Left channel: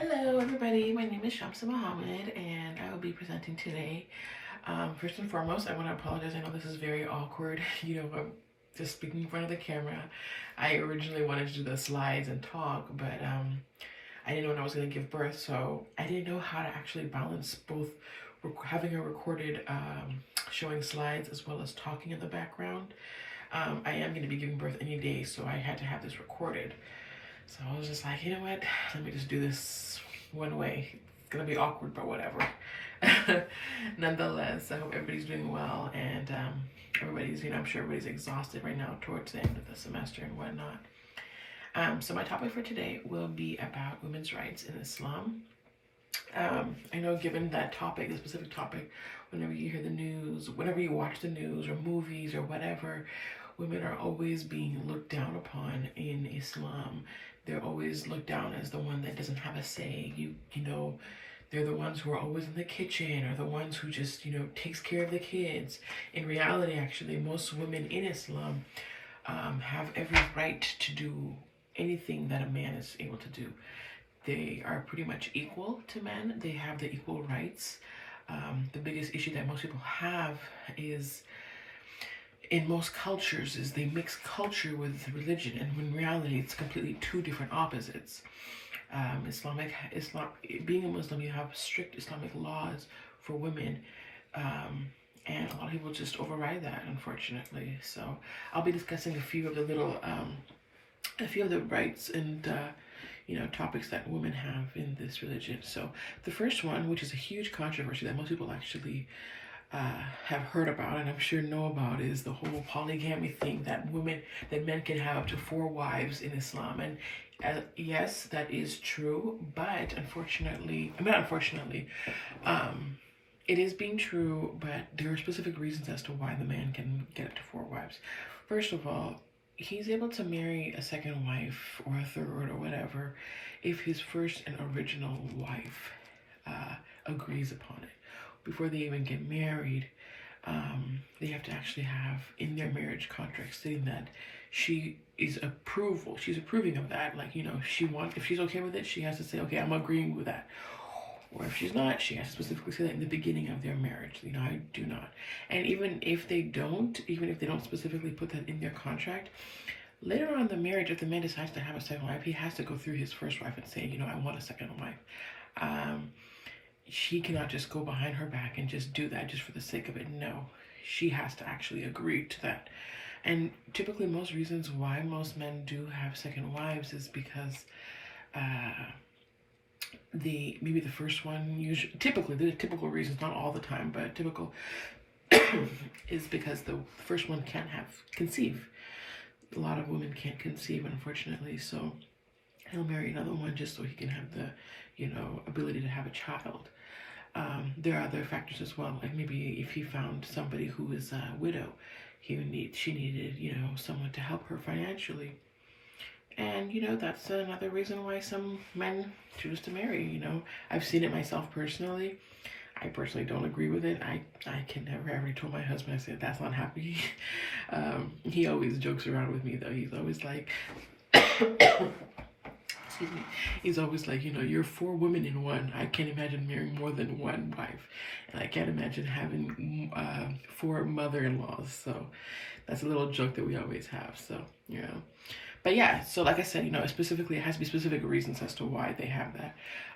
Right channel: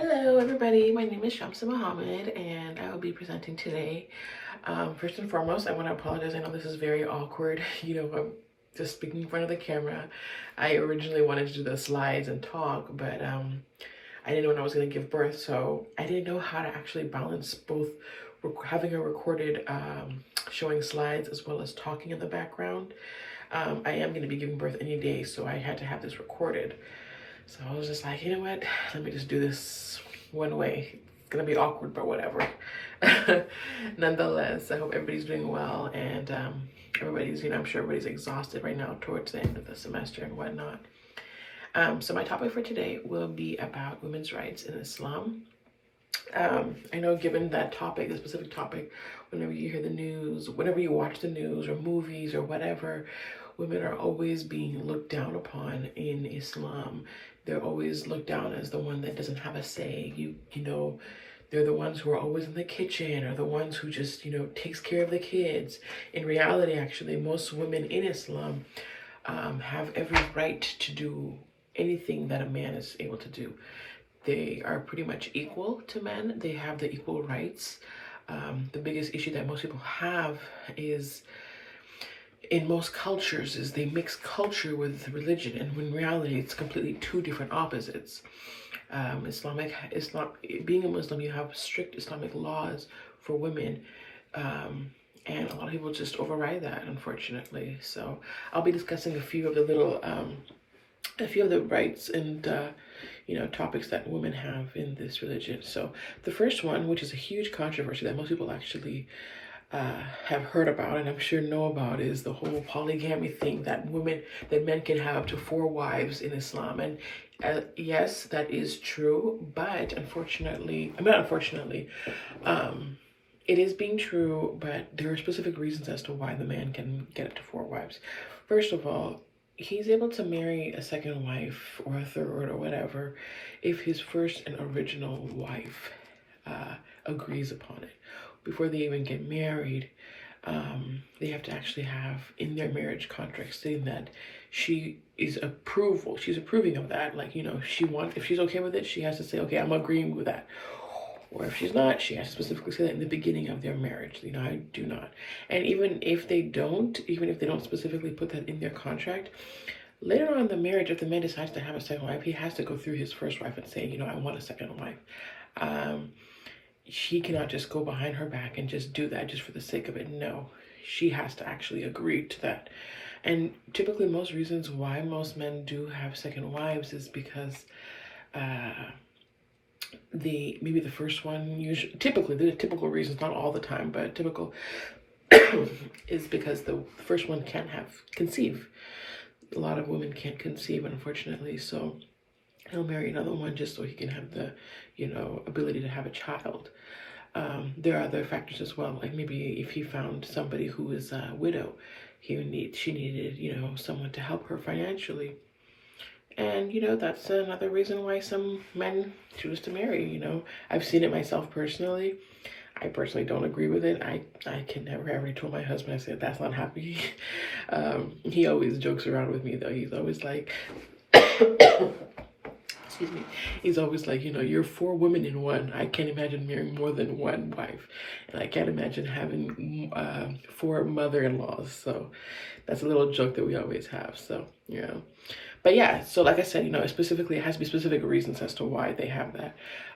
Hello everybody, my name is Shamsa Muhammad and I will be presenting today. First and foremost, I want to apologize. I know this is very awkward. I'm just speaking in front of the camera. I originally wanted to do the slides and talk, but I didn't know when I was going to give birth, so I didn't know how to actually balance both having a recorded showing slides as well as talking in the background. I am going to be giving birth any day, so I had to have this recorded. So I was just like, you know what? Let me just do this one way. It's gonna be awkward, but whatever. Nonetheless, I hope everybody's doing well, and everybody's, I'm sure everybody's exhausted right now towards the end of the semester and whatnot. So my topic for today will be about women's rights in Islam. I know given that topic, the specific topic, whenever you hear the news, whenever you watch the news or movies or whatever, women are always being looked down upon in Islam. They're always looked down as the one that doesn't have a say. They're the ones who are always in the kitchen, or the ones who just, takes care of the kids. In reality, actually, most women in Islam have every right to do anything that a man is able to do. They are pretty much equal to men. They have the equal rights. The biggest issue that most people have is, in most cultures, is they mix culture with religion, and in reality it's completely two different opposites. Being a Muslim, you have strict Islamic laws for women, and a lot of people just override that, unfortunately. So I'll be discussing a few of the rights and topics that women have in this religion. So the first one, which is a huge controversy that most people actually have heard about and I'm sure know about, is the whole polygamy thing, that men can have up to 4 wives in Islam. And yes, that is true, but it is being true, but there are specific reasons as to why the man can get up to 4 wives. First of all, he's able to marry a second wife or a third or whatever if his first and original wife agrees upon it. Before they even get married, they have to actually have in their marriage contract stating that she's approving of that. Like, if she's okay with it, she has to say, okay, I'm agreeing with that. Or if she's not, she has to specifically say that in the beginning of their marriage. I do not. And even if they don't specifically put that in their contract, later on in the marriage, if the man decides to have a second wife, he has to go through his first wife and say, I want a second wife. She cannot just go behind her back and just do that just for the sake of it. No, she has to actually agree to that. And typically most reasons why most men do have second wives is because maybe the first one, typically, the typical reasons, not all the time, but typical is because the first one can't conceive. A lot of women can't conceive, unfortunately, so he'll marry another one just so he can have the, ability to have a child. There are other factors as well, like maybe if he found somebody who is a widow, she needed, someone to help her financially. And, that's another reason why some men choose to marry, I've seen it myself personally. I personally don't agree with it. I can never ever told my husband, I said, that's not happening. He always jokes around with me, though. He's always like, excuse me, he's always like, you're 4 women in one. I can't imagine marrying more than 1 wife. And I can't imagine having 4 mother-in-laws. So that's a little joke that we always have. So, But yeah, so like I said, it has to be specific reasons as to why they have that.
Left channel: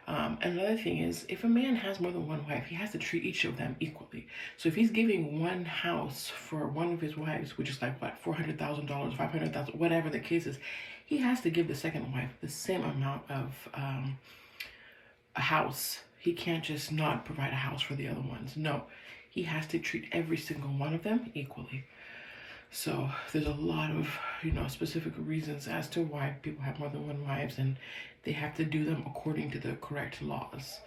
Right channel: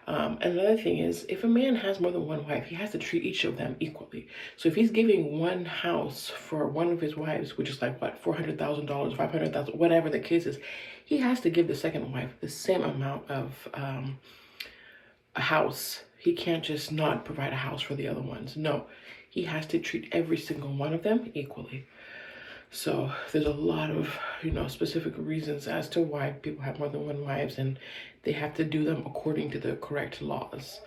And another thing is, if a man has more than 1 wife, he has to treat each of them equally. So if he's giving one house for one of his wives, which is like, what, $400,000, $500,000, whatever the case is, he has to give the second wife the same amount of a house. He can't just not provide a house for the other ones. No, he has to treat every single one of them equally. So there's a lot of, specific reasons as to why people have more than 1 wives, and they have to do them according to the correct laws.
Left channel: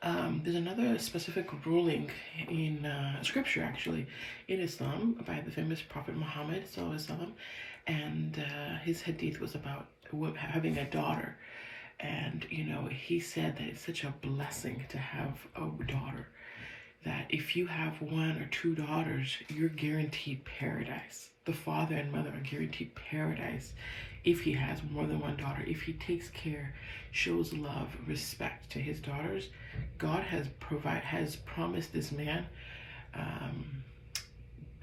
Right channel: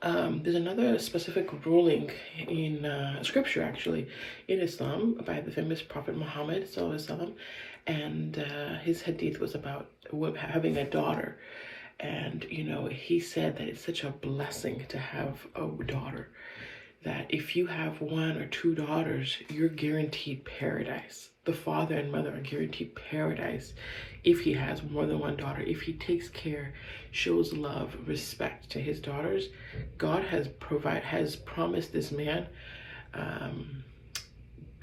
There's another specific ruling in scripture, actually, in Islam by the famous Prophet Muhammad, and his hadith was about having a daughter. And, he said that it's such a blessing to have a daughter, that if you have 1 or 2 daughters, you're guaranteed paradise. The father and mother are guaranteed paradise if he has more than one daughter, if he takes care, shows love, respect to his daughters, God has promised this man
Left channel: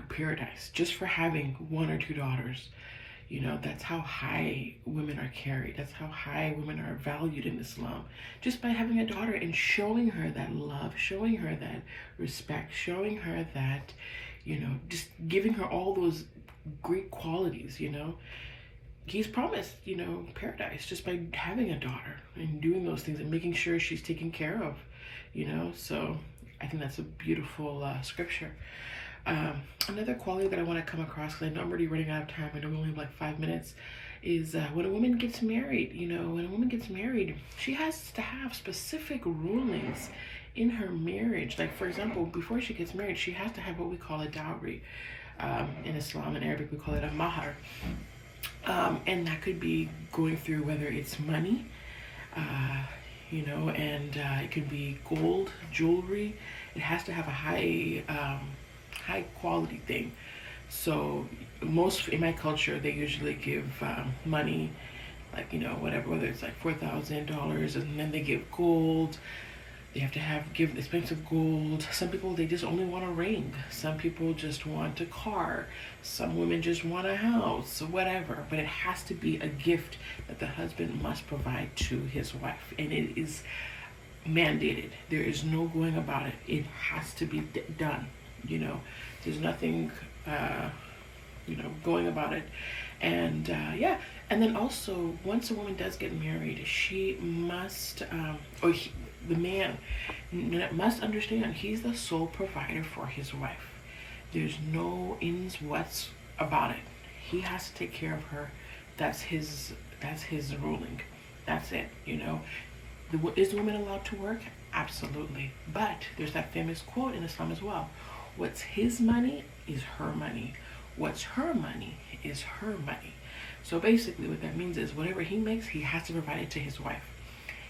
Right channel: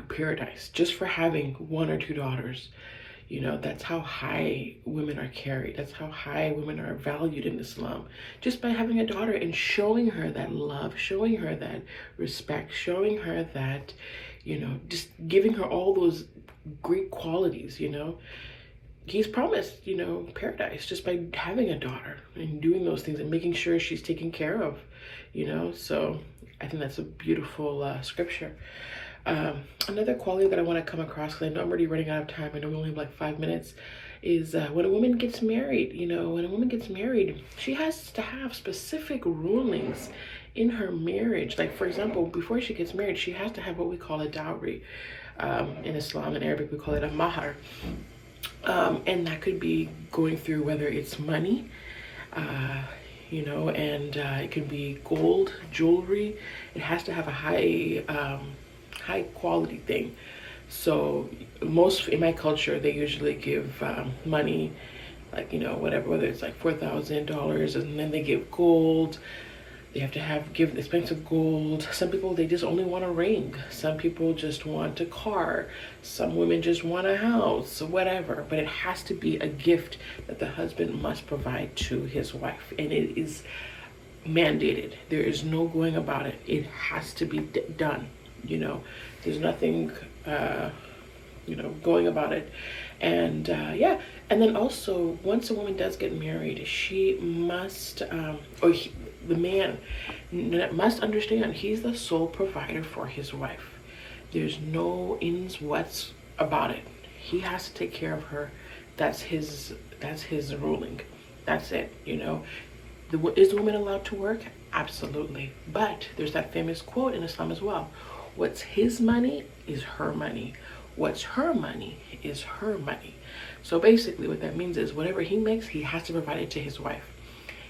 paradise just for having one or two daughters. You know, that's how high women are carried. That's how high women are valued in Islam. Just by having a daughter and showing her that love, showing her that respect, showing her that, you know, just giving her all those great qualities, you know. He's promised, you know, paradise just by having a daughter and doing those things and making sure she's taken care of, you know. So I think that's a beautiful scripture. Another quality that I want to come across, because I know I'm already running out of time, I know we only have like 5 minutes, is when a woman gets married, you know, when a woman gets married, she has to have specific rulings in her marriage. Like, for example, before she gets married, she has to have what we call a dowry. In Islam, in Arabic, we call it a mahar. And that could be going through whether it's money, you know, and it could be gold, jewelry. It has to have a high quality thing. So most in my culture, they usually give money, like, you know, whether it's like $4,000, and then they give gold. They have to give expensive gold. Some people, they just only want a ring. Some people just want a car. Some women just want a house, whatever. But it has to be a gift that the husband must provide to his wife. And it is mandated. There is no going about it. It has to be done. You know, there's nothing, you know, going about it. And yeah, and then also, once a woman does get married, she must, the man must understand he's the sole provider for his wife. There's no ins, whats about it. He has to take care of her. That's his ruling. That's it, you know. Is the woman allowed to work? Absolutely. But there's that famous quote in Islam as well. What's his money is her money. What's her money is her money. So basically what that means is whatever he makes, he has to provide it to his wife.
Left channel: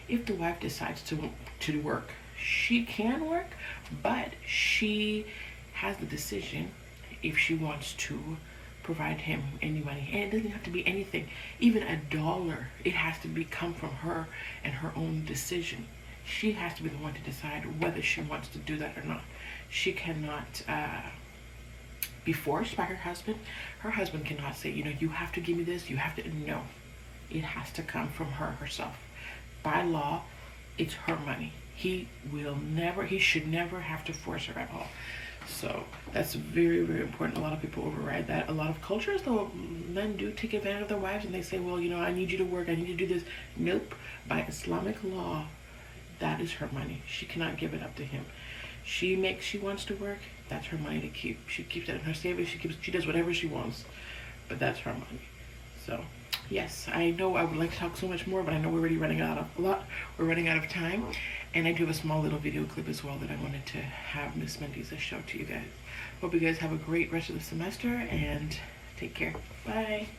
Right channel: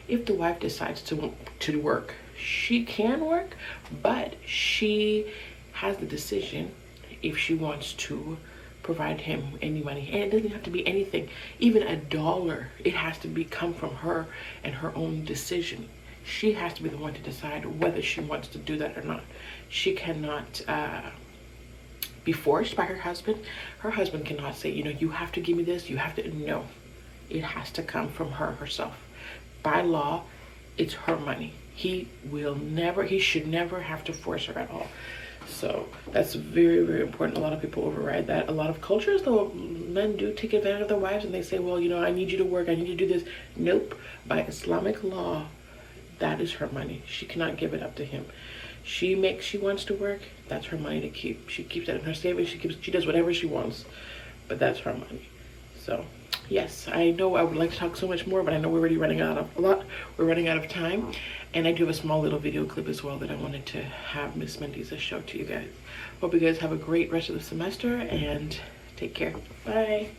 If the wife decides to work, she can work, but she has the decision if she wants to provide him any money. And it doesn't have to be anything, even $1. It has to come from her and her own decision. She has to be the one to decide whether she wants to do that or not. She cannot be forced by her husband. Her husband cannot say, you know, you have to give me this, you have to. No, it has to come from her herself. By law, it's her money. He should never have to force her at all. So that's very, very important. A lot of people override that. A lot of cultures, though, men do take advantage of their wives and they say, well, you know, I need you to work, I need you to do this. Nope. By Islamic law, that is her money. She cannot give it up to him. She wants to work, that's her money to keep. She keeps that in her savings, she does whatever she wants, but that's her money. So yes, I know I would like to talk so much more, but I know we're already running out of time. And I do have a small little video clip as well that I wanted to have Miss Mandisa show to you guys. Hope you guys have a great rest of the semester and take care. Bye.